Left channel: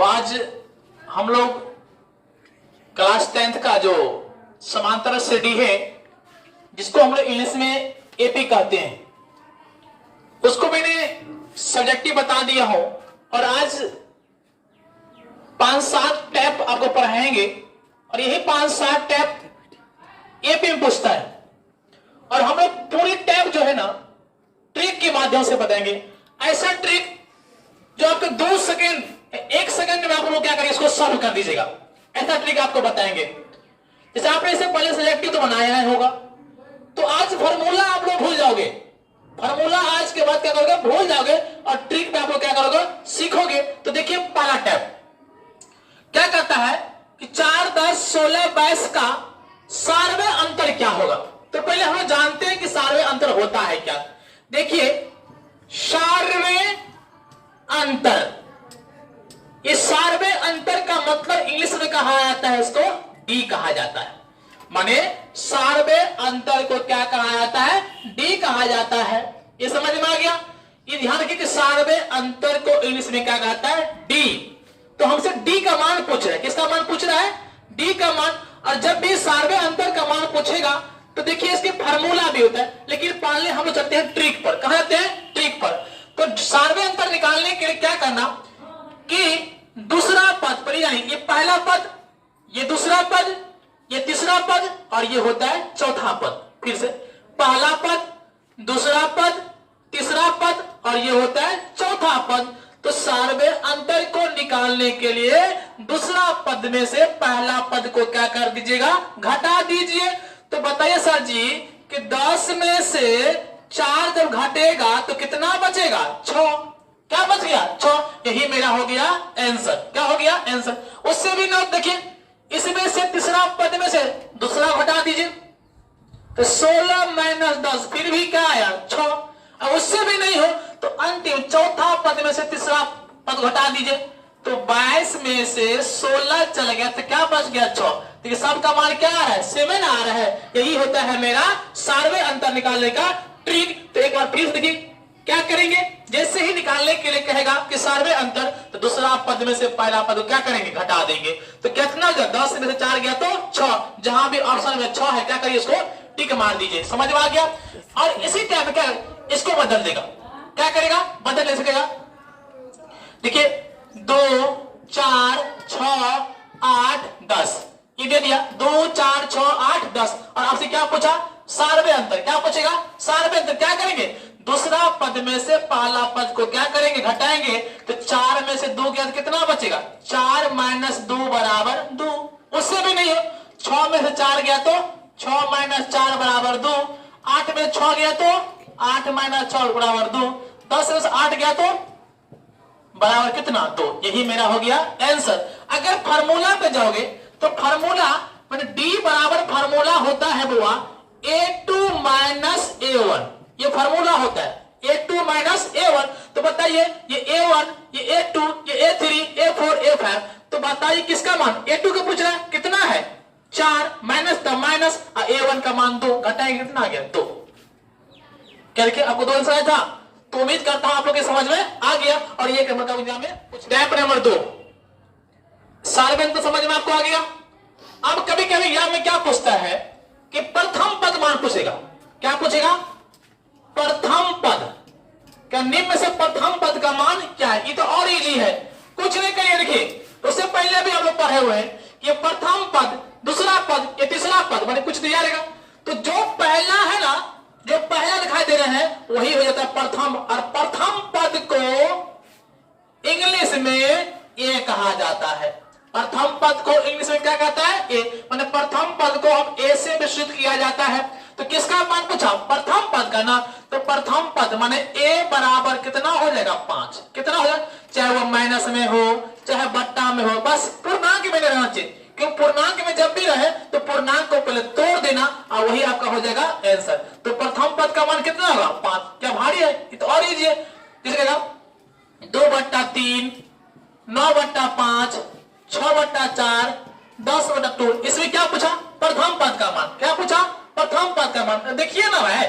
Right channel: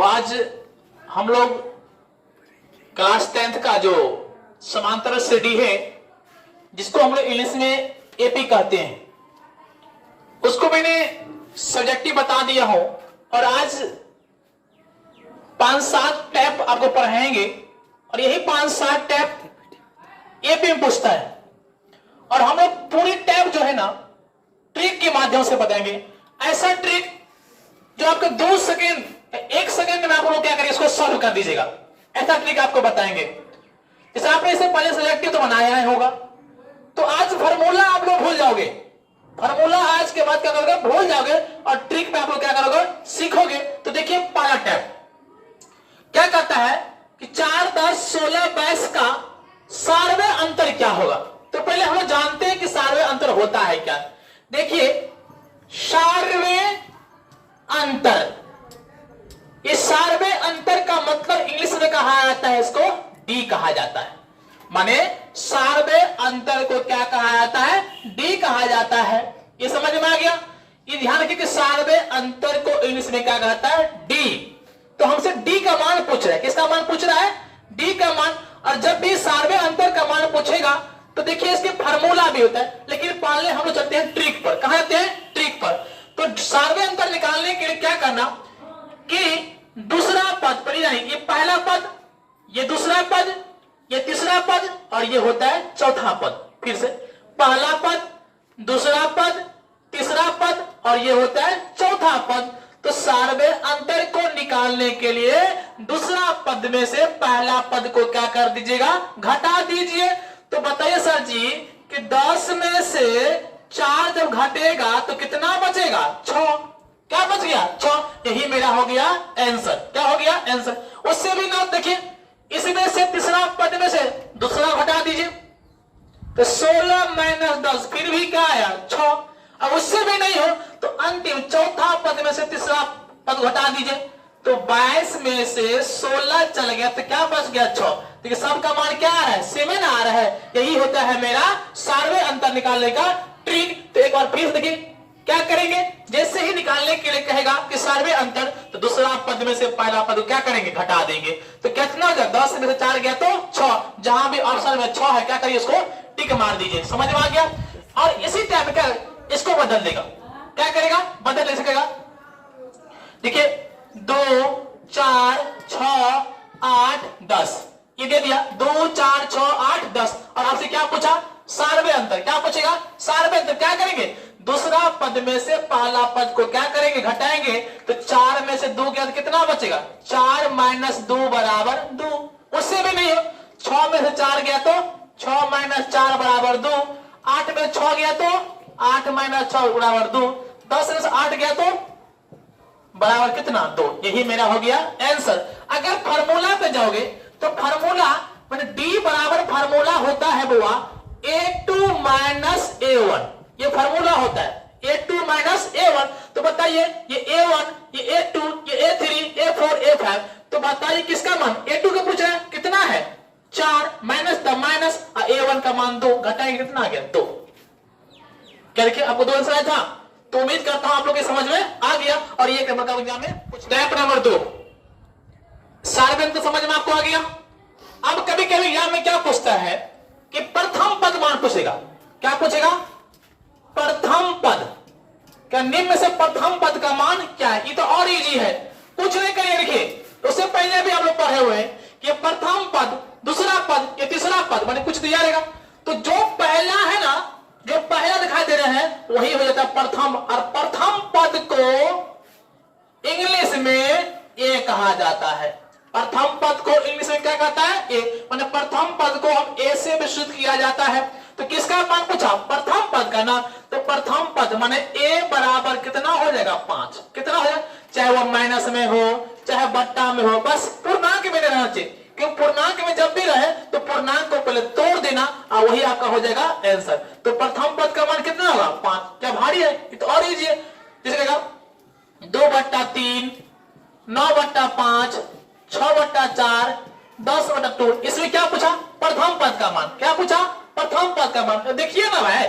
तो आज हम लोग क्लास 10th का जो समांतर श्रेणी है, जिसको हम लोग इंग्लिश में एपी कहते हैं, उसको मैंने सब्जेक्टिव बता दिया हूं। और आज 5-7 टैप आपको पढ़ाएंगे और यही 5-7 टैप एपी में पूछता है। और हम लोग पूरी टैप जो है ना ट्रिक के माध्यम से बताएंगे। ऐसा ट्रिक जो आपके 2 सेकेंड 1 सेकेंड में आप लोग क्या करेंगे, इसको सॉल्व कर दीजिएगा। ऐसा ट्रिक आपको बताएंगे। जैसे आपने इससे पहले सब्जेक्टिव तो बनाया है होगा, तो आज फार्मूला आप लोग भूल जाओगे। फार्मूला आज के बाद क्या करोगे, भूल जाओगे और ट्रिक में आप लोग क्या करोगे, सीखोगे। तो देखिए पहला टैप क्या कहता है कि 4, 10, 16, 22 का सार्वय अंतर क्या होगा। तो पहले हम लोग जानते हैं कि सार्वय अंतर होता है क्या। देखिए सार्वय अंतर, ये सार्वय अंतर का मतलब इंग्लिश में कहा जाता है, इसको डी कहा जाता है। माने सार्वय अंतर को क्या कहा जाता है, डी कहा जाता है। ये समझ में आ गया। ये ध्यान रखिए कि सार्वय अंतर को इंग्लिश में क्या कहता है, डी। तो हमसे डी का मान पूछ रहा है। किसका मान पूछ रहा है, डी का मान। और जब भी सार्वय अंतर का मान पूछेगा तो देखिए इसके फार्मूला भी होता है, लेकिन पहले हम लोग चलते हैं ट्रिक पर। कहां जाते हैं, ट्रिक पर। तो सार्वय अंतर निकालने के लिए क्या करना कि दूसरा पद पर, यानी ये पहला पद, ये दूसरा पद, ये तीसरा पद और ये होता है चौथा पद। फिर से पहला पद, दूसरा पद, तीसरा पद और ये होता है चौथा पद। तो सार्वय अंतर को निकालने के लिए दूसरा पद में से पहला पद को क्या कर दीजिएगा, घटा दीजिए। तो बताइए सर जी कि 10 में से 4 जब घटेगा तो कितना बचेगा, 6। क्या बच गया, 6। यही मेरा हो गया आंसर। क्या हो गया, आंसर। उससे भी ना देखिए, इसमें से तीसरा पद में से दूसरा घटा दीजिए तो 16 माइनस 10 फिर भी क्या आया, 6। अब उससे भी नहीं हो तो अंतिम चौथा पद में से तीसरा पद घटा दीजिए तो 22 में से 16 चल गया तो क्या बच गया, 6। देखिए सबका मान क्या आ रहा है, 7 आ रहा है। यही होता है मेरा सार्वय अंतर निकालने का ट्रिक। तो एक बार फिर देखिए क्या करेंगे, जैसे ही निकालने के लिए कहेगा कि सार्वय अंतर, तो दूसरा पद में से पहला पद क्या करेंगे, घटा देंगे। तो कितना हो गया, 10 में से 4 गया तो 6। जहां भी ऑप्शन में 6 है क्या करिए, इसको टिक मार दीजिए। समझ में आ गया। और इसी टाइप का इसको बदल देगा। क्या करेगा, बदल ले सकेगा। देखिए 2, 4, 6, 8, 10 ये दे दिया। 2, 4, 6, 8, 10 और आपसे क्या पूछा, सार्वय अंतर। क्या पूछेगा, सार्वय अंतर। क्या करेंगे, दूसरा पद में से पहला पद को क्या करेंगे, घटाएंगे। तो 4 में से 2 गया तो कितना बचेगा, 4 माइनस 2 बराबर 2। उससे भी नहीं हो, 6 में से 4 गया तो 6 माइनस 4 बराबर 2। 8 में 6 गया तो 8 माइनस 6 बराबर 2। 10 में से 8 गया तो बराबर कितना, 2। यही मेरा हो गया आंसर। अगर फार्मूला पे जाओगे तो फार्मूला मैंने डी बराबर फार्मूला होता है बुआ A2 माइनस A1। ये फार्मूला होता है A2 माइनस A1। तो बताइए ये A1, ये A2, ये A3, A4, A5। तो बताइए किसका मान, A2 का पूछ रहा है कितना है, 4 माइनस का माइनस और A1 का मान 2, घटाएंगे कितना आ गया, 2। क्या देखिए आपको 2 आंसर आया था। तो उम्मीद करता हूं आप लोग के समझ में आ गया। और ये मतलब एग्जाम में कुछ स्टेप नंबर 2 सार्वय अंतर समझ में आपको आ गया। अब कभी कभी एग्जाम में क्या पूछता है कि प्रथम पद मान पूछेगा। क्या पूछेगा, प्रथम पद। क्या निम्न में से प्रथम पद का मान क्या है। ये तो और इजी है, कुछ नहीं करिए। देखिए तो उससे पहले भी हम लोग पढ़े हुए हैं कि प्रथम पद, दूसरा पद, ये तीसरा पद, मैंने कुछ दिया रहेगा। तो जो पहला है ना, जो पहला दिखाई दे रहे हैं वही हो जाता है प्रथम। और प्रथम पद को इंग्लिश में ए कहा जाता है। प्रथम पद को इंग्लिश में क्या कहता है, ए। माने प्रथम पद को हम ए से विस्तृत किया जाता है। तो किसका मान पूछा, प्रथम पद का ना। तो प्रथम पद माने ए बराबर कितना हो जाएगा, 5। कितना हो जाएगा, चाहे वो माइनस में हो चाहे बट्टा में हो, बस पूर्णांक में रहना चाहिए। क्योंकि पूर्णांक में जब भी रहे तो पूर्णांक को पहले तोड़ देना और वही आपका हो जाएगा आंसर। तो प्रथम पद का मान कितना होगा, 5। क्या भारी है, ये तो और इजी है। जैसे 2/3, 9/5, 6/4, 10/2। इसमें क्या पूछा, प्रथम पद का मान। क्या पूछा, प्रथम पद का मान। देखिए ना भाई,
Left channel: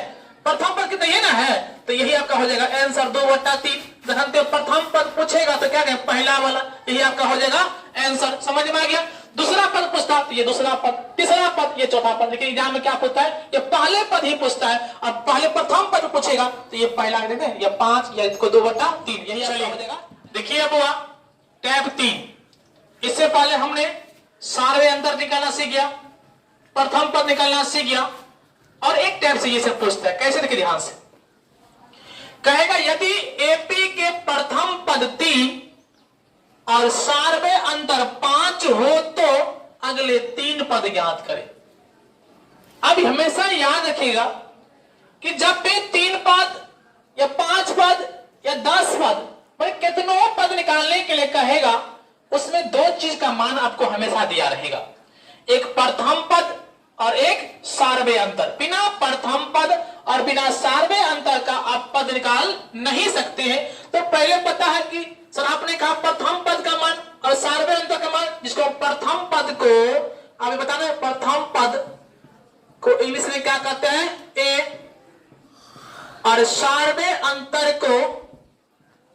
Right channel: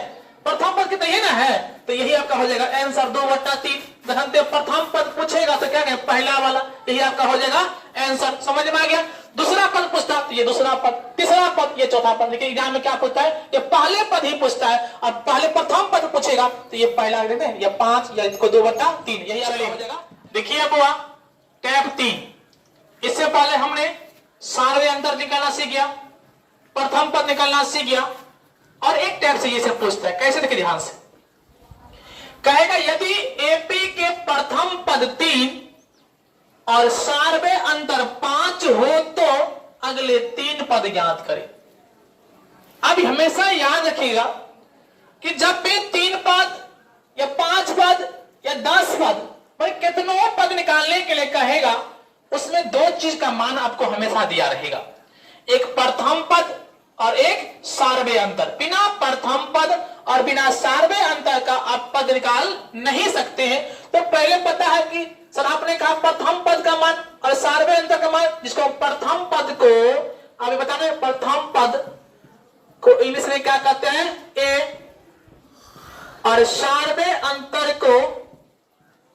प्रथम पद कितना, ये ना है। तो यही आपका हो जाएगा आंसर 2/3। जब प्रथम पद पूछेगा तो क्या कहें, पहला वाला, यही आपका हो जाएगा आंसर। समझ में आ गया। दूसरा पद पूछता है तो ये दूसरा पद, तीसरा पद ये चौथा पद। लेकिन एग्जाम में क्या पूछता है, ये पहले पद ही पूछता है, और पहले प्रथम पद पूछेगा तो ये पहला देते हैं, ये 5 या इसको 2/3, यही हो जाएगा। देखिए अब हुआ टैब 3। इससे पहले हमने सारे अंतर निकालना सीख गया, प्रथम पद निकालना सीख गया, और एक टैब से ये सब पूछता है। कैसे, देखिए ध्यान से कहेगा, यदि एपी के प्रथम पद 3 और सार्वे अंतर 5 हो तो अगले 3 पद ज्ञात करें। अब हमेशा याद रखिएगा कि जब भी 3 पद या 5 पद या 10 पद, कितनों पद निकालने के लिए कहेगा, उसमें 2 चीज का मान आपको हमेशा दिया रहेगा, एक प्रथम पद और एक सार्वे अंतर। बिना प्रथम पद और बिना सार्वे अंतर का आप पद निकाल नहीं सकते हैं। तो पहले पता है कि सर आपने कहा प्रथम पद का मान और सार्वे अंतर का मान, जिसको प्रथम पद को आप बताना, प्रथम पद को इंग्लिश में क्या कहते हैं, ए, और सार्वे अंतर को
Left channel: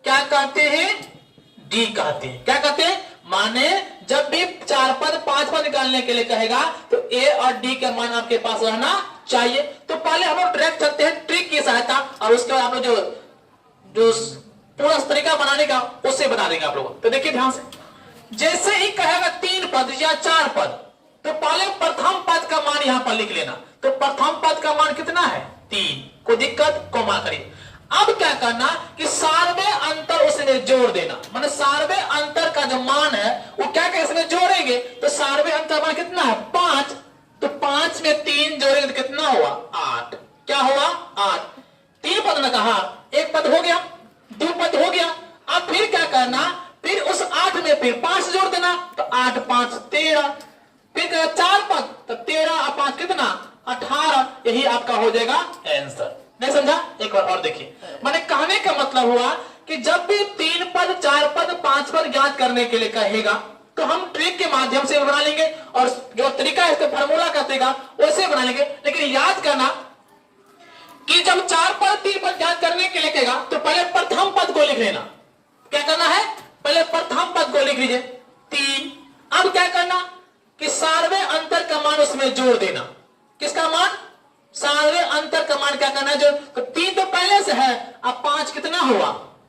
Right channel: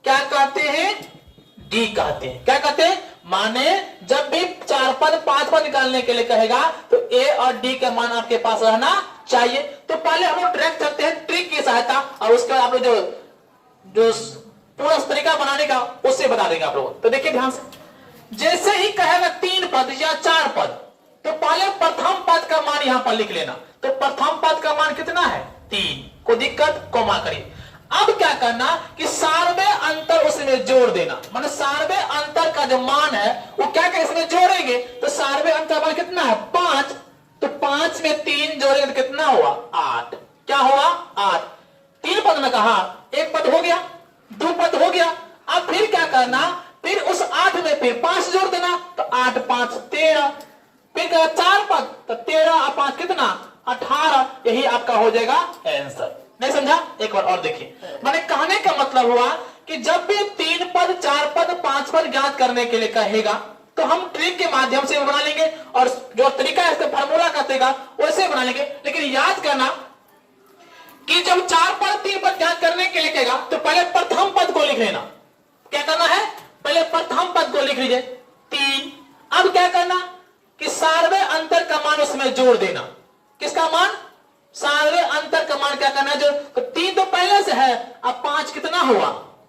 क्या कहते हैं, डी कहते हैं। क्या कहते हैं, माने जब भी 4 पद 5 पद निकालने के लिए कहेगा तो ए और डी का मान आपके पास रहना चाहिए। तो पहले हम लोग ट्रैक करते हैं ट्रिक की सहायता, और उसके बाद आप लोग जो पूरा तरीका बनाने का उससे बता देंगे आप लोग। तो देखिए ध्यान से, जैसे ही कहेगा 3 पद या 4 पद, तो पहले प्रथम पद का मान यहां पर लिख लेना। तो प्रथम पद का मान कितना है, 3, कोई दिक्कत, कोमा करिए। अब क्या करना कि सार्वे अंतर उसमें जोड़ देना, माने सार्वे अंतर का जो मान है वो क्या करें, इसमें जोड़ेंगे। तो सार्वे अंतर मान कितना है, 5, तो 5 में 3 जोड़ेंगे तो कितना हुआ, 8। क्या हुआ, 8। 3 पद ने कहा, 1 पद हो गया, 2 पद हो गया। अब फिर क्या करना, फिर उस 8 में फिर 5 जोड़ देना, तो 8 5 13, फिर 4 पद, तो 13 और 5 कितना, 18। यही आपका हो जाएगा आंसर। नहीं समझा, एक बार और देखिए। मैंने कहने का मतलब हुआ कि जब भी 3 पद 4 पद 5 पद ज्ञात करने के लिए कहेगा तो हम ट्रिक के माध्यम से बना लेंगे, और जो तरीका है इसका फार्मूला कहतेगा वैसे बना लेंगे। लेकिन याद करना कि जब 4 पद 3 पद ज्ञात करने के लिए कहेगा तो पहले प्रथम पद को लिख लेना। क्या करना है, पहले प्रथम पद को लिख लीजिए 3। अब क्या करना कि सार्वे अंतर का मान उसमें जोड़ देना। किसका मान, सार्वे अंतर का मान क्या करना है, जो तो 3 तो पहले से है, अब 5 कितना हुआ,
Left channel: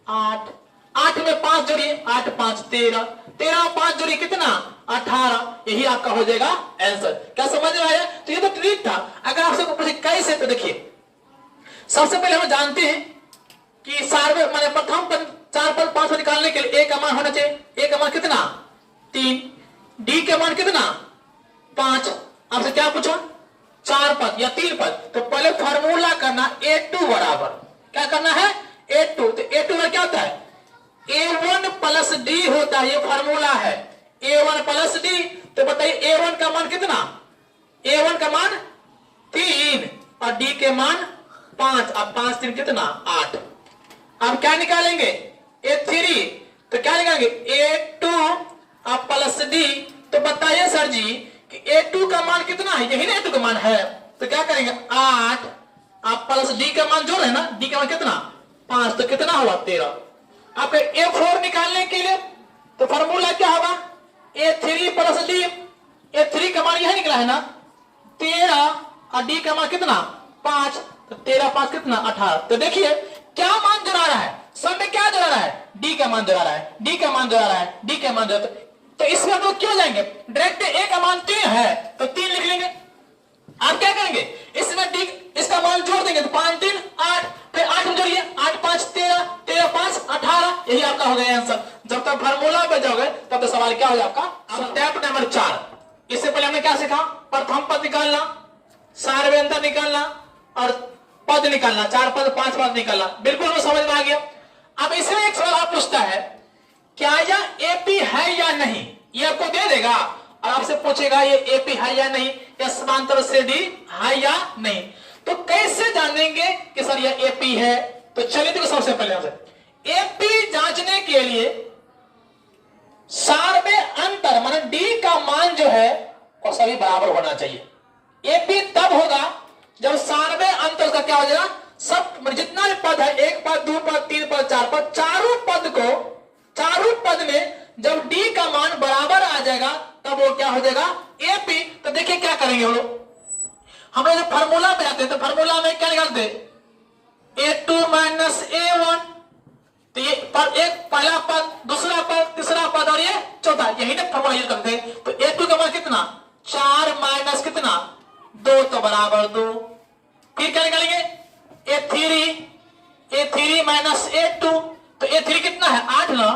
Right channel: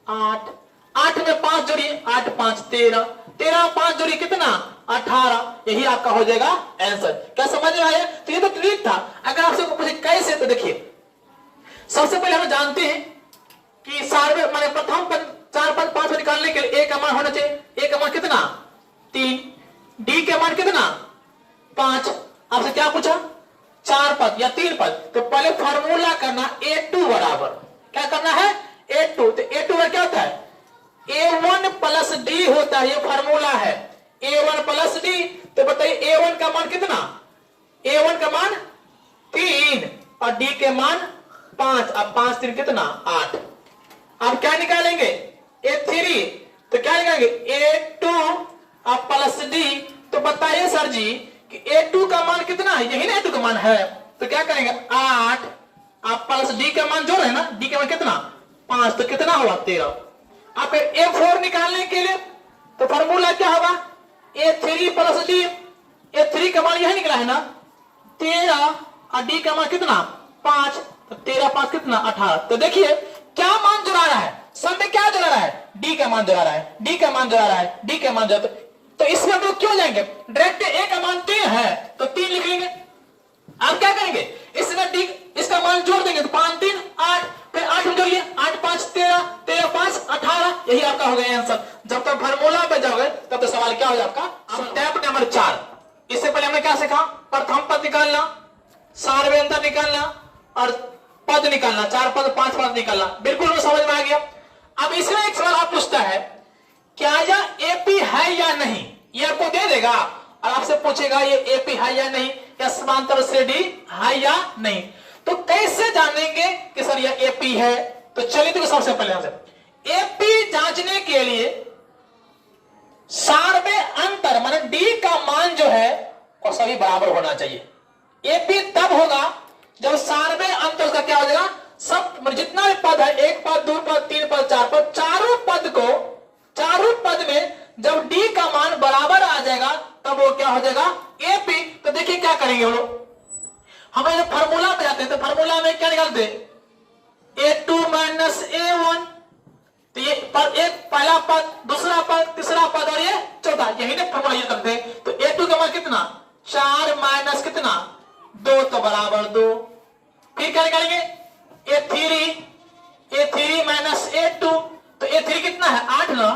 8। 8 में 5 जोड़िए, 8 5 13, 13 में 5 जोड़िए कितना, 18। यही आपका हो जाएगा आंसर। क्या समझ में आया। तो ये तो ट्रिक था। अगर आपसे पूछे कैसे, तो देखिए सबसे पहले हम जानते हैं कि सार्वे माने प्रथम पद 4 पद 5 पद निकालने के लिए ए का मान होना चाहिए। ए का मान कितना, 3, डी का मान कितना, 5। आपसे क्या पूछा, 4 पद या 3 पद, तो पहले फार्मूला करना A2 बराबर, क्या करना है, A2। तो A2 में क्या होता है, A1 प्लस डी होता है, ये फार्मूला है, A1 प्लस डी। तो बताइए A1 का मान कितना, A1 का मान 3 और डी के मान 5। अब 5 3 कितना, 8। अब क्या निकालेंगे, A3। तो क्या निकालेंगे, A2 अब प्लस डी। तो बताइए सर जी कि A2 का मान कितना है, यही ना A2 का मान है। तो क्या करेंगे, 8 आप प्लस डी का मान जोड़ है ना, डी का मान कितना, 5, तो कितना हुआ, 13। आप A4 निकालने के लिए तो फार्मूला क्या होगा, A3 प्लस डी। A3 का मान यही निकला है ना, 13 और डी का मान कितना, 5। तो 13 5 कितना, 18। तो देखिए क्या मान जुड़ा रहा है, सब में क्या जुड़ा रहा है, डी का मान जुड़ा रहा है, डी का मान जुड़ा रहा है, डी का मान जुड़ा। तो इसमें हम लोग क्यों जाएंगे, डायरेक्ट ए का मान 3 है तो 3 लिख लेंगे। आप क्या करेंगे, इसमें डी इसका मान जोड़ देंगे, तो 5 3 8, फिर 8 में जोड़िए, 8 5 13, 13 5 18। यही आपका हो गया आंसर। जब तक फार्मूला पे जाओगे तब तक सवाल क्या हो जाएगा आपका। स्टेप नंबर 4, इससे पहले हमने क्या सीखा, प्रथम पद निकालना, सार्वे अंतर निकालना और पद निकालना, 4 पद 5 पद निकालना। बिल्कुल वो समझ में आ गया। अब इसमें एक सवाल आप पूछता है, क्या यह एपी है या नहीं, ये आपको दे देगा और आपसे पूछेगा ये एपी है या नहीं, या समांतर श्रेणी है या नहीं। तो कैसे जानेंगे कि सर ये एपी है। तो चलिए देखो, सबसे पहले एपी जांचने के लिए सार्वे अंतर माने डी का मान जो है वो सभी बराबर होना चाहिए। एपी तब होगा जब सार्वे अंतर का क्या हो जाएगा, सब जितना भी पद पद है, एक पद, दो पद, तीन पद, चार पद, चारों पद में जब डी का मान बराबर आ जाएगा तब वो क्या हो जाएगा एपी। तो देखिए क्या करेंगे हम लोग, हम जब फॉर्मूला में आते हैं तो फॉर्मूला में क्या निकालते हैं, a2 माइनस a1। तो ये एक पहला पद, दूसरा पद, तीसरा पद और ये चौथा, यही ना फॉर्मूला यूज करते हैं। तो a2 का मान कितना, 4 माइनस कितना 2 तो बराबर 2। फिर क्या निकालेंगे a3 माइनस a2। तो a3 कितना है 8 ना,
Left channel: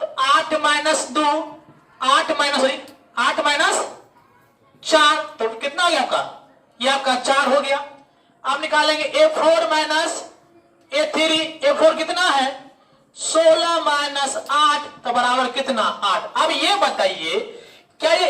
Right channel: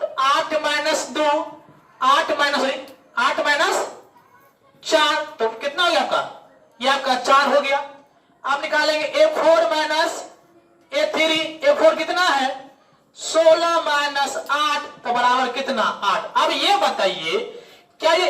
तो 8 माइनस 2, 8 माइनस 4, तो कितना हो गया आपका, ये आपका 4 हो गया। आप निकालेंगे a4 माइनस a3, a4 कितना है 16 माइनस 8 तो बराबर कितना 8। अब ये बताइए क्या ये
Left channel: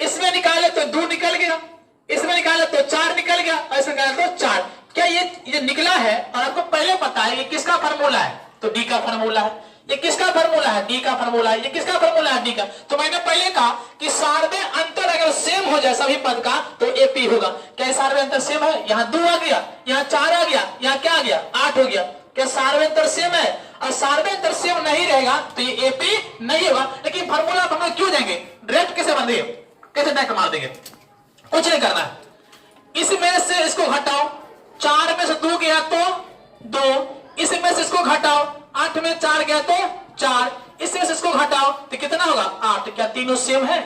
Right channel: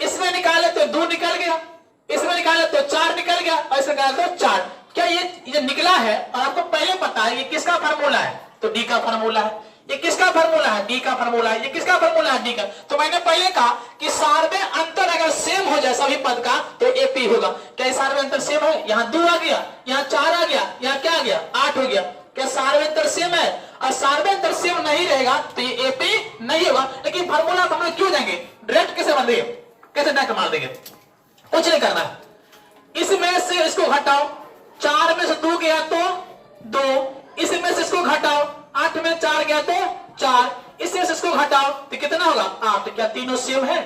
इसमें निकाले तो 2 निकल गया, इसमें निकाले तो 4 निकल गया, और इसमें निकाले तो 4, क्या ये निकला है। और आपको पहले पता है कि किसका फार्मूला है, तो डी का फार्मूला है। ये किसका फार्मूला है, डी का फार्मूला है। ये किसका फार्मूला है, डी का। तो मैंने पहले कहा कि सार्वत्रिक अंतर अगर सेम हो जाए सभी पद का तो एपी होगा। क्या सार्वत्रिक अंतर सेम है, यहाँ 2 आ गया, यहाँ 4 आ गया, यहाँ क्या आ गया 8 हो गया। क्या सार्वत्रिक अंतर सेम है, और सार्वत्रिक अंतर सेम नहीं रहेगा तो ये एपी नहीं होगा। लेकिन फार्मूला हम लोग क्यों जाएंगे, डायरेक्ट कैसे बन देंगे, कैसे डायरेक्ट मार देंगे, कुछ नहीं करना। इसमें से इसको घटाओ, 4 में से 2 गया तो 2, इसमें से इसको घटाओ, 8 में 4 गया तो 4, इसमें से इसको घटाओ तो कितना होगा 8। क्या तीनों सेम है,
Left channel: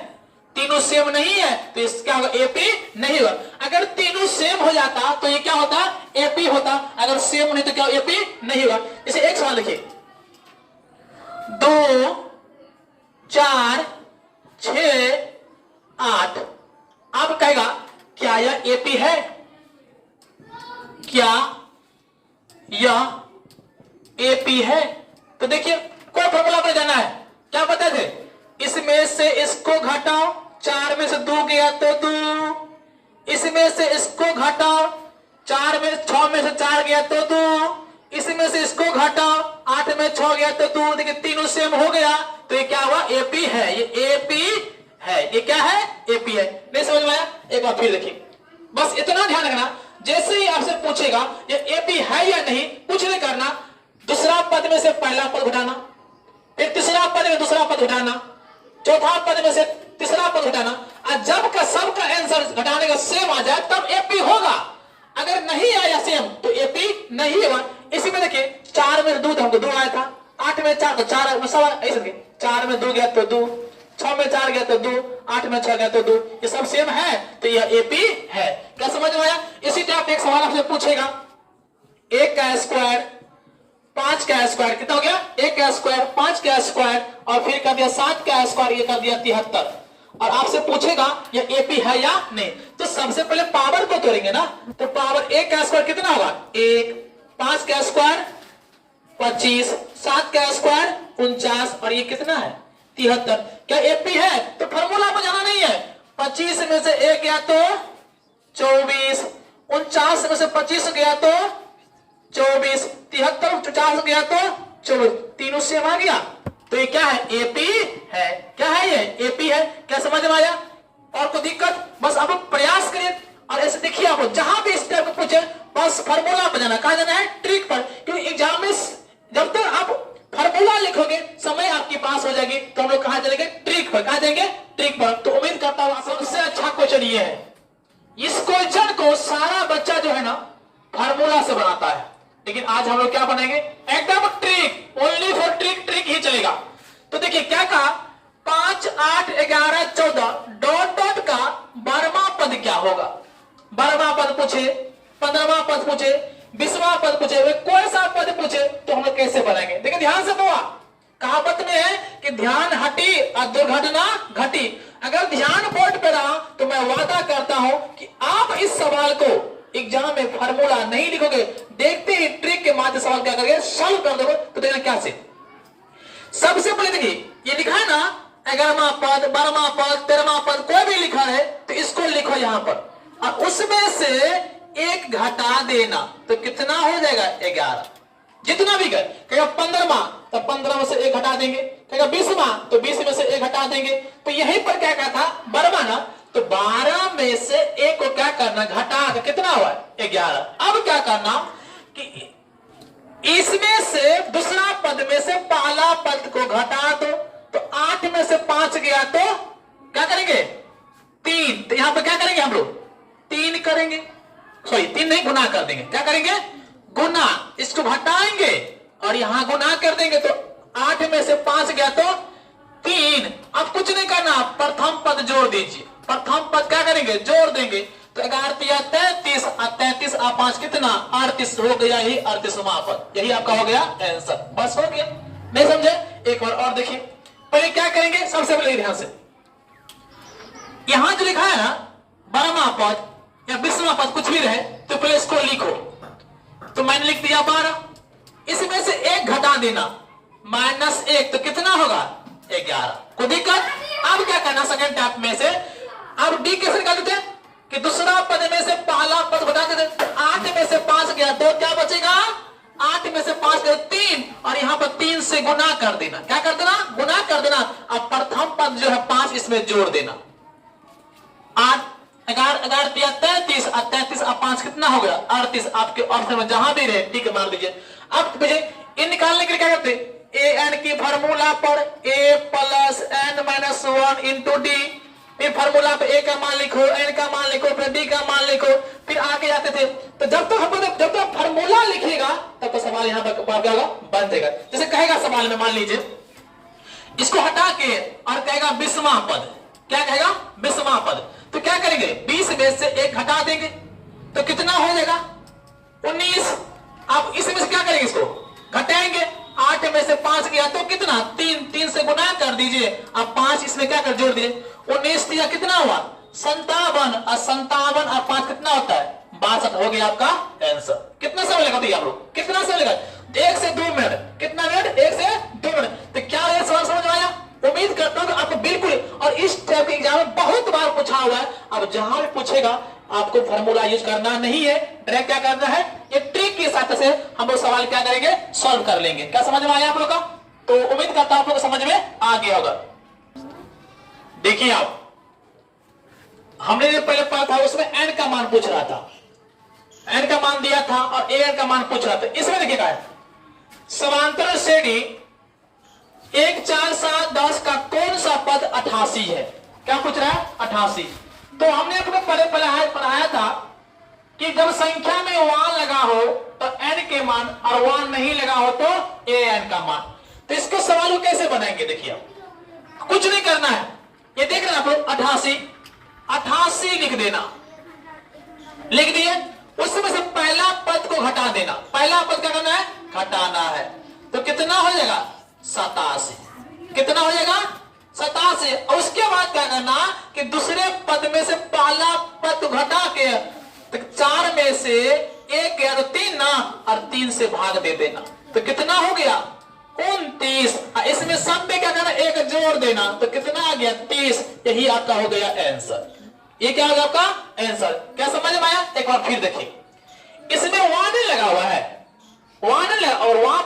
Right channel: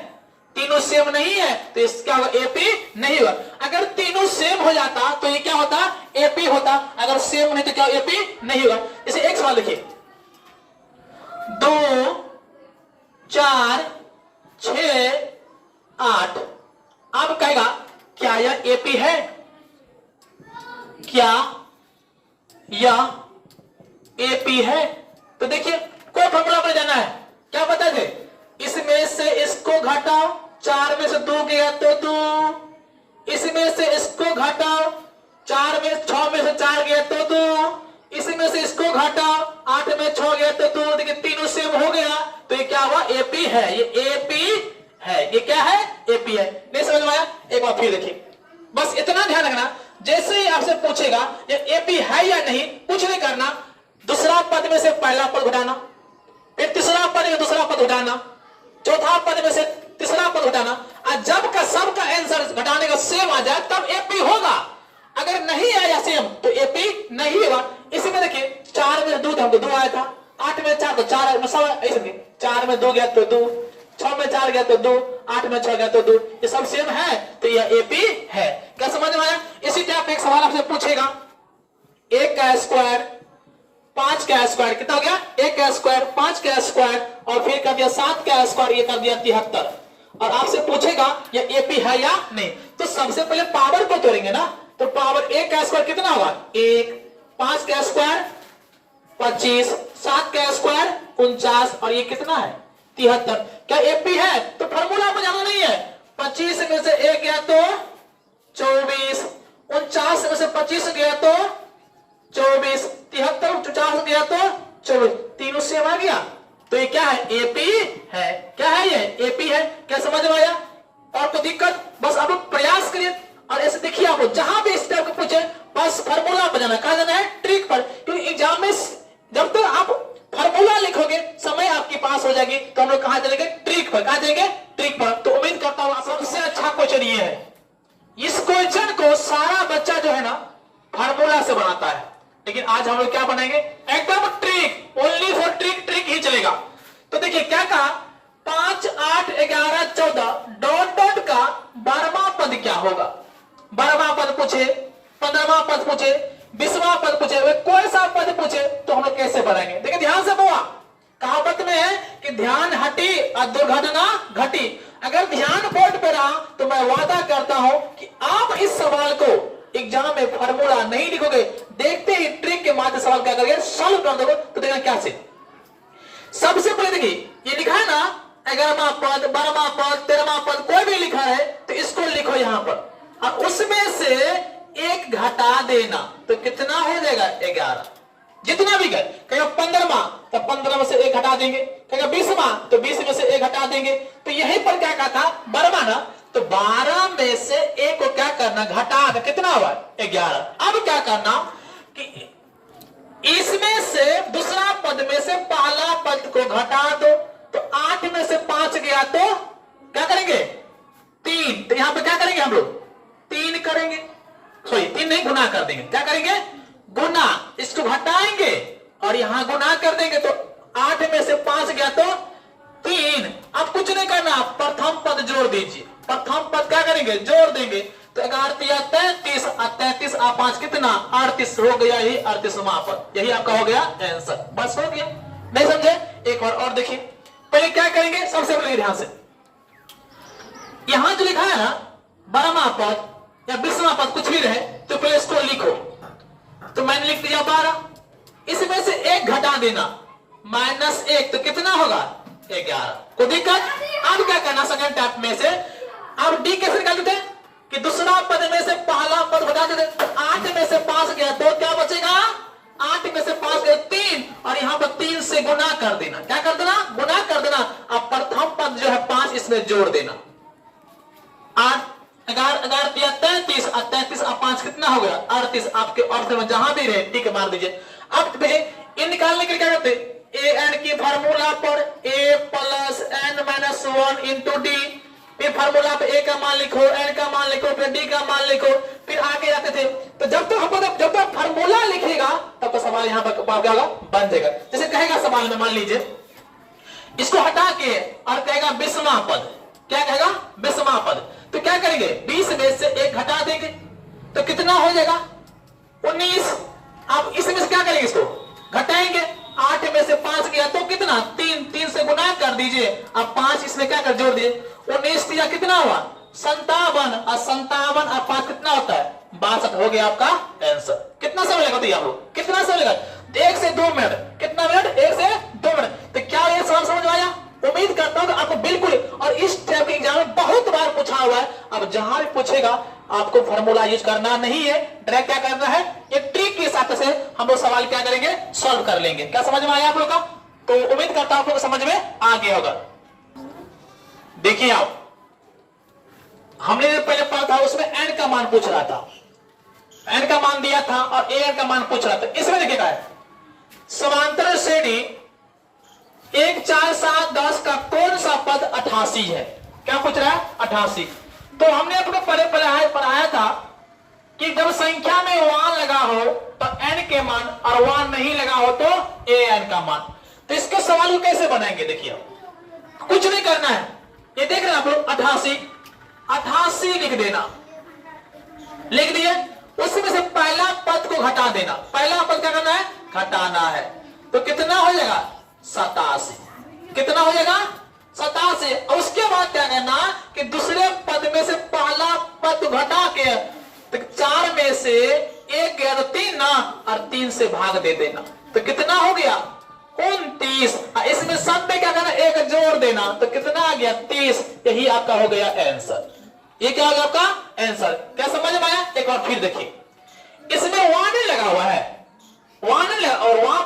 तीनों सेम नहीं है तो क्या होगा एपी नहीं होगा। अगर तीनों सेम हो जाता तो ये क्या होता एपी होता, अगर सेम नहीं तो क्या एपी नहीं होगा। इसे एक सवाल लिखिए, 2 4 6 8। अब कहेगा क्या यह एपी है, क्या यह एपी है। तो देखिए कोई फॉर्मूला पर जाना है, क्या पता है, इसमें से इसको घटाओ, 4 में से 2 गया तो 2, इसमें से इसको घटाओ, 6 में से 4 गया तो 2, इसमें से इसको घटाओ, 8 में 6 गया तो 2। देखिए तीनों सेम हो गया तो ये क्या हुआ एपी है, ये एपी है। ये क्या है एपी है। नहीं समझ में आया, एक बार फिर देखिए, बस इतना ध्यान रखना, जैसे ही आपसे पूछेगा ये एपी है या नहीं, कुछ नहीं करना, दूसरा पद में से पहला पद घटाना, फिर तीसरा पद में दूसरा पद घटाना, चौथा पद में से तीसरा पद घटाना, और जब का सब का आंसर घटाने का सेम आ जाए तब एपी होगा। अगर नहीं आया सेम तो एपी नहीं होगा। इसी में देखिए 4 में 2 हमको 2 आया था, 8 में 4 तो 4 सब ऐसे, 4 में 2 गया तो 2, 6 में 4 गया तो 2, 8 में 6 गया तो 2, ये सब सेम है तो यह एपी है। क्या समझ में आया। इसी टाइप एक सवाल आपसे पूछेगा, 1 का स्क्वायर 5 का स्क्वायर कितना हो गया, 1 का स्क्वायर 5 का स्क्वायर, और फिर कर दिया 7 का स्क्वायर, ये कर दिया 73। और आपसे पूछेगा ये एपी है या नहीं, तो सबसे पहले पावर को तोड़ेंगे ना। तो पावर 1 का स्क्वायर कितना होगा 1, 5 का स्क्वायर 25, 7 का स्क्वायर 49, और ये कितना है 73। क्या एपी है, तो फॉर्मूला में जाना नहीं है। 25 में से 1 गया तो 24, 49 में से 25 गया तो 24, 73 50 गया तो 24, तीनों सेम आ गया तो ये क्या है एपी है। क्या है ये एपी है। क्या समझ में आया, और कोई दिक्कत, बस आप प्रयास करिए। और ऐसे देखिए, आपको जहां भी इस टाइप को पूछे बस फार्मूला पर जाना, कहा जाना है ट्रिक पर, क्योंकि एग्जाम में जब तक आप फार्मूला लिखोगे समय आपके पास हो जाएगी, तो हम लोग कहां चलेंगे ट्रिक पर, कहां जाएंगे ट्रिक पर। तो उम्मीद करता हूं सबसे अच्छा क्वेश्चन ये है। इस क्वेश्चन को सारा बच्चा जो है ना फार्मूला से बनाता है, लेकिन आज हम लोग क्या बनेंगे एकदम trick, only for trick, trick ही चलेगा। तो देखिए क्या कहा, 5 8 11 14 डॉट डॉट का 12वां पद क्या होगा। 12वां पद पूछे, 15वां पद पूछे, 20वां पद पूछे, वे कोई सा पद पूछे तो हम लोग कैसे बनाएंगे। देखिए ध्यान से बुआ, कहावत में है कि ध्यान हटी और दुर्घटना घटी। अगर ध्यान बोर्ड पे रहा तो मैं वादा करता हूं कि आप इस सवाल को एग्जाम में फार्मूला नहीं लिखोगे, देखते ही ट्रिक के माध्यम सवाल क्या करोगे सॉल्व कर दोगे। तो देखना क्या से सबसे पहले देखिए ये लिखा है ना 11वां पद 12वां पद 13वां पद कोई भी लिखा है तो इसको लिखो यहां पर, और उसमें से एक घटा देना तो कितना हो जाएगा 11। जितना भी गए, कहेगा 15वां तो 15 में से एक घटा देंगे, कहेगा 20वां तो 20 में से एक घटा देंगे। तो यहीं पर क्या कहा था 12वां ना, तो 12 में से एक को क्या करना घटा, कितना हुआ 11। अब क्या करना कि इसमें से दूसरा पद में से पहला पद को घटा दो, तो 8 में से 5 गया तो क्या करेंगे 3। तो यहां पर क्या करेंगे हम लोग 3 करेंगे, सॉरी 3 नहीं, गुना कर देंगे। क्या करेंगे गुना, इसको घटाएंगे और यहां गुना कर देंगे, तो 8 में से 5 गया तो 3। अब कुछ नहीं करना, प्रथम पद जोड़ दीजिए। प्रथम पद क्या करेंगे जोड़ देंगे, तो 11 33 और 33 और 5 कितना 38 हो गया, ही 38वां पद। यही आपका हो गया आंसर, बस हो गया। नहीं समझे, एक और देखिए। पहले क्या करेंगे, सबसे पहले ध्यान से यहां जो लिखा है ना 12वां पद या 20वां पद कुछ भी रहे, तो पहले इसको लिखो। तो मैंने लिख दिया 12, इसमें से 1 घटा देना -1, तो कितना होगा 11। कोई दिक्कत। अब क्या करना सेकंड टाइप में से, अब डी कैसे निकाल देते हैं कि दूसरा पद में से पहला पद घटा देते। 8 में से 5 गया तो क्या बचेगा, 8 में से 5 गए 3, और यहां पर 3 से गुना कर देना। क्या कर देना, गुना कर देना। अब प्रथम पद जो है 5 इसमें जोड़ देना। 8 11 33 और 33 और 5 कितना हो गया 38। आपके ऑप्शन में जहां भी रहे ठीक है मार लीजिए। अब इन निकालने के लिए क्या करते, ए एन की फार्मूला पर a plus n minus 1 into D. फिर फार्मूला पे a का मान लिखो, n का मान लिखो, फिर d का मान लिखो, फिर आगे जाते थे। तो जब तक फार्मूला लिखिएगा तब तो सवाल यहाँ पर क्या होगा बन जाएगा। जैसे कहेगा सवाल में, मान लीजिए इसको हटा के और कहेगा 20वां पद, क्या कहेगा 20वां पद, तो क्या करेंगे 20 में से 1 घटा देंगे, तो कितना हो जाएगा 19। अब इसमें से क्या करेंगे, इसको घटाएंगे। 8 में से 5 गया तो कितना 3 से गुना कर दीजिए। अब 5 इसमें क्या कर जोड़ दिए, 19 दिया कितना हुआ 57, और 57 और 5 कितना होता है 62 हो गया आपका आंसर। कितना समय लगा दिया आप लोग, कितना समय लगा 1 से 2 मिनट। कितना मिनट 1 से 2 मिनट। तो क्या ये सवाल समझ में आया, उम्मीद करता हूं कि आपको बिल्कुल। और इस टाइप के एग्जाम में बहुत बार पूछा हुआ है। अब जहां भी पूछेगा आपको फॉर्मूला यूज करना नहीं है, डायरेक्ट क्या करना है, एक ट्रिक के साथ से हम लोग सवाल क्या करेंगे सॉल्व कर लेंगे। क्या समझ में आया आप लोग का, तो उम्मीद करता हूं आप लोग समझ में आ गया होगा। देखिए आप, हमने जो पहले पढ़ा था उसमें n का मान पूछ रहा था, n का मान दिया था और an का मान पूछ रहा था। इसमें देखिएगा समांतर श्रेणी 1 4 7 10 का कौन सा पद 88 है। क्या पूछ रहा है 88। तो हमने अपने पहले पढ़ाया था कि जब संख्या में 1 लगा हो तो n के मान, और 1 नहीं लगा हो तो an का मान। तो इसके सवाल को कैसे बनाएंगे, देखिए कुछ नहीं करना है, ये देख रहे हैं आप लोग 88 लिख देना, लिख दिए। उसमें से पहला पद को घटा देना। पहला पद क्या करना है घटाना है, तो कितना हो जाएगा 87। कितना हो जाएगा 87। और उसके बाद क्या करना कि दूसरे पद में से पहला पद घटा के, तो 4 में से 1 गया तो 3 ना, और 3 से भाग दे देना, तो कितना हो गया 29। इसमें सब में क्या करना 1 जोड़ देना, तो कितना आ गया 30। यही आपका हो गया आंसर। ये क्या होगा आपका आंसर। क्या समझ में आया, एक बार फिर देखिए। इसमें 1 नहीं लगा हुआ है, 1 नहीं लगा, और वहां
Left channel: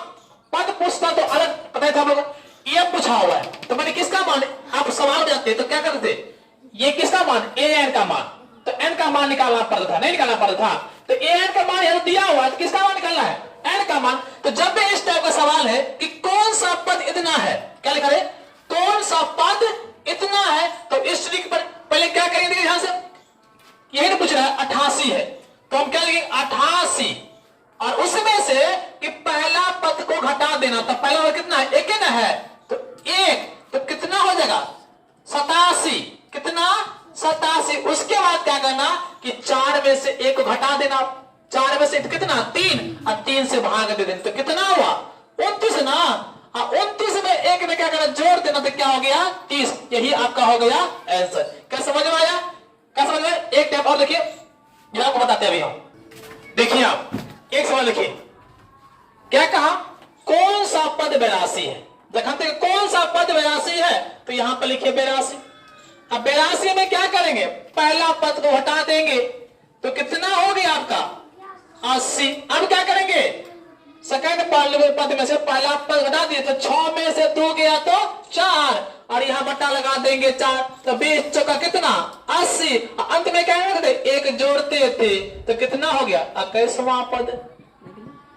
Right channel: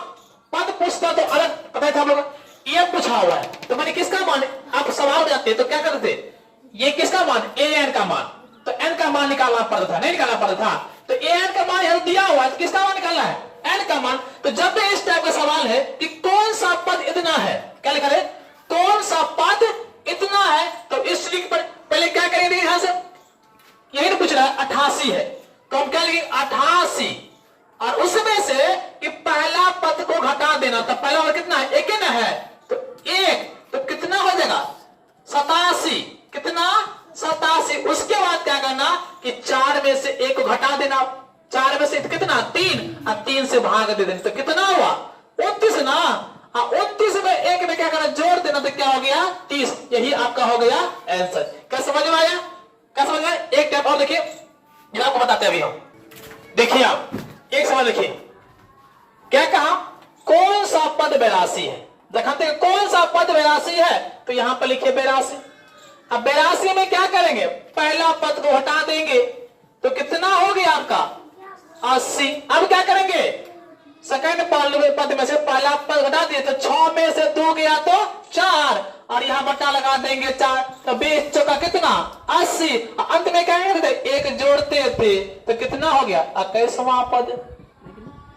पद पूछता तो अलग पता था हम लोग, ये पूछा हुआ है। तो मैंने किसका मान, आप सवाल जाते तो क्या करते, ये किसका मान an का मान, तो n का मान निकालना पड़ता था, नहीं निकालना पड़ता था। तो an का मान यहां दिया हुआ है, तो किसका मान निकालना है n का मान। तो जब भी इस टाइप का सवाल है कि कौन सा पद इतना है, क्या लिखा है कौन सा पद इतना है, तो इस ट्रिक पर पहले क्या करेंगे, यहां से यही तो पूछ रहा है 88 है, तो हम क्या लिखेंगे 88, और उसमें से कि पहला पद को घटा देना। तो पहला पद कितना है 1 ना है, तो 1, तो कितना हो जाएगा 87। कितना 87। उसके बाद क्या करना कि 4 में से 1 को घटा देना। 4 में से कितना 3, और 3 से भाग दे देना, तो कितना हुआ 29 ना। 29 में 1 में क्या करना जोड़ देना, तो क्या हो गया 30। यही आपका हो गया आंसर। क्या समझ में आया, क्या समझ में आया। एक टाइप और देखिए, आपको बताते हैं अभी हम। देखिए आप एक सवाल लिखिए, क्या कहा कौन सा पद 82 है। देखते हैं कौन सा पद 82 है, तो यहां पर लिखिए 82। अब 82 में क्या करेंगे, पहला पद को हटा देंगे, तो कितना हो गया आपका 80। अब क्या करेंगे सेकंड पद में से पहला पद हटा दिए, तो 6 में से 2 गया तो 4, और यहां बट्टा लगा देंगे 4, तो 20 चौका कितना 80। अंत में क्या करते 1 जोड़ते थे, तो कितना हो गया 21वां पद।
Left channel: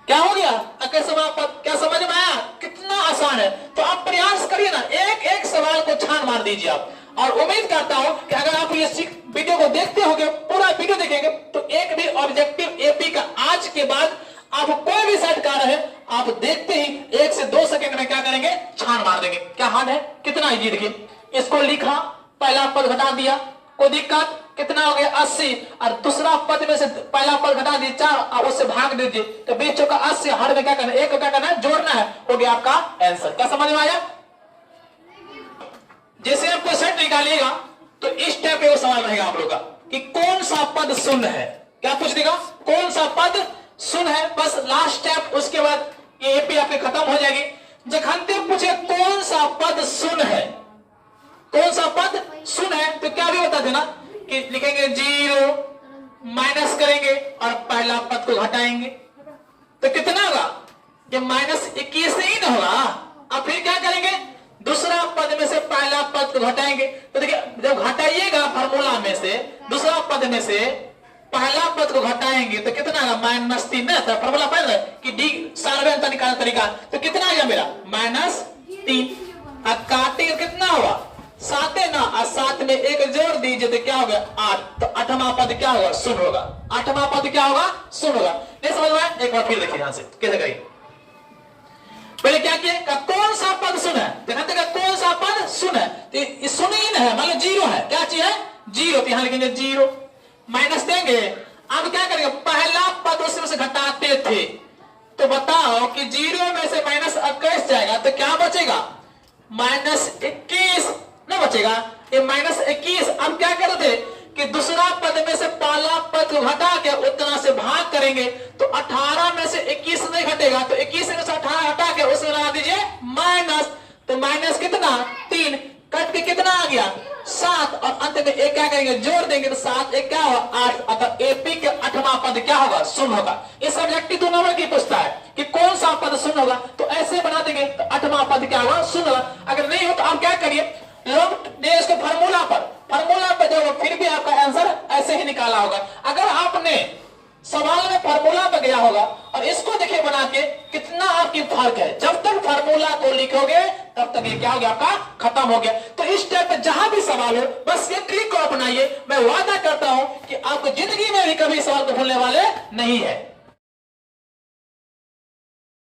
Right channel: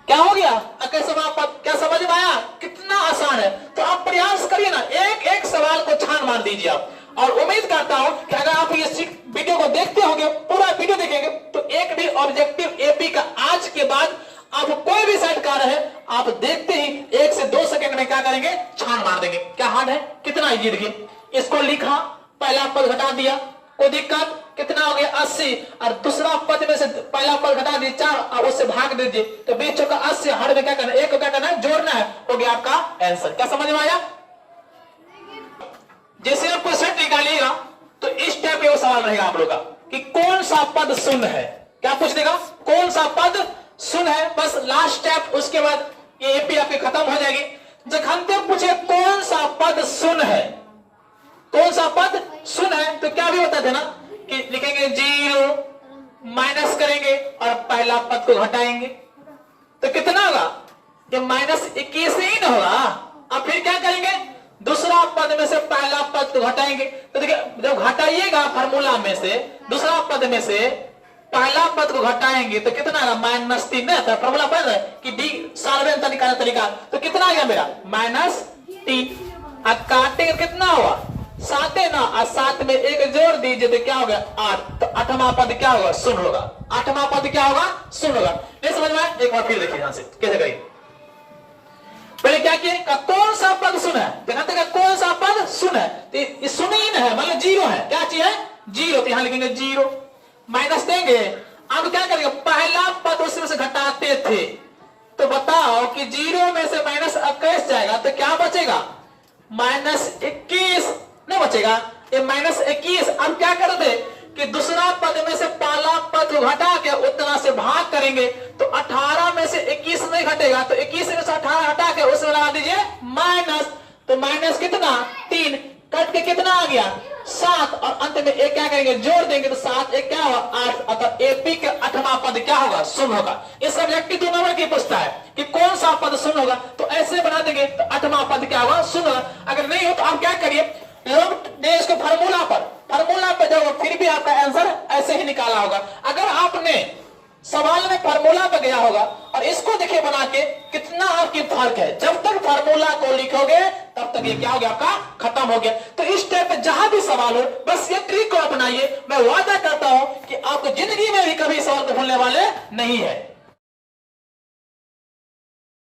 क्या हो गया? अकल समापद। क्या समझ में आया? कितना आसान है। तो आप प्रयास करिए ना, एक एक सवाल को छान मार दीजिए आप। और उम्मीद करता हूं कि अगर आप ये वीडियो को देखते होंगे, पूरा वीडियो देखेंगे, तो एक भी ऑब्जेक्टिव एपी का आज के बाद आप कोई भी सेट कार्य है, आप देखते ही 1 से 2 सेकंड में क्या करेंगे? छान मार देंगे। क्या हार्ड है? कितना इजी। देखिए, इसको लिखा, पहला पद घटा दिया, कोई दिक्कत? कितना हो गया? 80। और दूसरा पद में से पहला पद घटा दिए 4 और उससे भाग दीजिए, तो बीच का 80। हर में क्या करना है? एक को क्या करना है? जोड़ना है। हो गया आपका आंसर। क्या समझ में आया? जैसे आप कोई सेट निकालिएगा तो इस टाइप का सवाल रहेगा आप लोग का कि कौन सा पद शून्य है। क्या पूछ देगा? कौन सा पद शून्य है। बस लास्ट स्टेप, उसके बाद ये एपी आपके खत्म हो जाएगी। जखनते पूछे कौन सा पद शून्य है, कौन सा पद शून्य है, तो क्या भी होता था ना कि लिखेंगे 0, माइनस करेंगे और पहला पद को घटाएंगे, तो कितना होगा? ये -21 ही ना होगा। अब फिर क्या करेंगे? दूसरा पद में से पहला पद को घटाएंगे। तो देखिए, जब घटाइएगा फार्मूला में से दूसरा पद में से पहला पद को घटाएंगे तो कितना आएगा? -3 ना था फार्मूला पर कि डी सार्वजनिक निकालने तरीका। तो कितना आ गया मेरा? -3। अब काटेंगे कितना हुआ? 7 है ना, और 7 में 1 जोड़ दीजिए तो क्या हो गया? 8। तो 8वां पद क्या होगा? शून्य होगा। 8वां पद क्या होगा? शून्य होगा। नहीं समझ में आया? एक बार फिर देखिए यहां से कैसे करेंगे। पहले क्या किए? कौन सा पद शून्य है? देखा कौन सा पद शून्य है? तो शून्य ही है, मतलब 0 है। क्या चीज है? 0। तो यहां लिखेंगे 0, माइनस देंगे। अब क्या करेंगे? पहला पद उसमें से घटाते थे, तो बताओ कि 0 में से -21 जाएगा तो क्या बचेगा? -21 नहीं बचेगा, ये -21। अब क्या करते कि दूसरा पद में से पहला पद को घटा के उतना से भाग करेंगे, तो 18 में से 21 नहीं घटेगा, तो 21 में से 18 हटा के उसमें लगा दीजिए माइनस। तो माइनस कितना? 3। कट के कितना आ गया? 7। और अंत में एक क्या करेंगे? जोड़ देंगे तो 7 एक क्या होगा? 8। अगर एपी के 8वां पद क्या होगा? शून्य होगा। ये सब्जेक्टिव 2 नंबर की पूछता है कि कौन सा पद शून्य होगा, तो ऐसे बना देंगे तो 8वां पद क्या होगा? शून्य होगा। अगर नहीं हो तो आप क्या करिए? लोग दे इसको फार्मूला पर जाओ, फिर भी आपका आंसर ऐसे ही निकाला होगा। अगर आपने सवाल में फार्मूला पे गया होगा और इसको देखिए बना के, कितना आपकी फर्क है। जब तक फार्मूला को लिखोगे तब तक ये क्या हो गया? आपका खत्म हो गया। तो इस स्टेप पे जहां भी सवाल हो, बस ये ट्रिक को अपनाइए। मैं वादा करता हूं कि आपको जिंदगी में भी कभी सवाल को भूलने वाले नहीं है।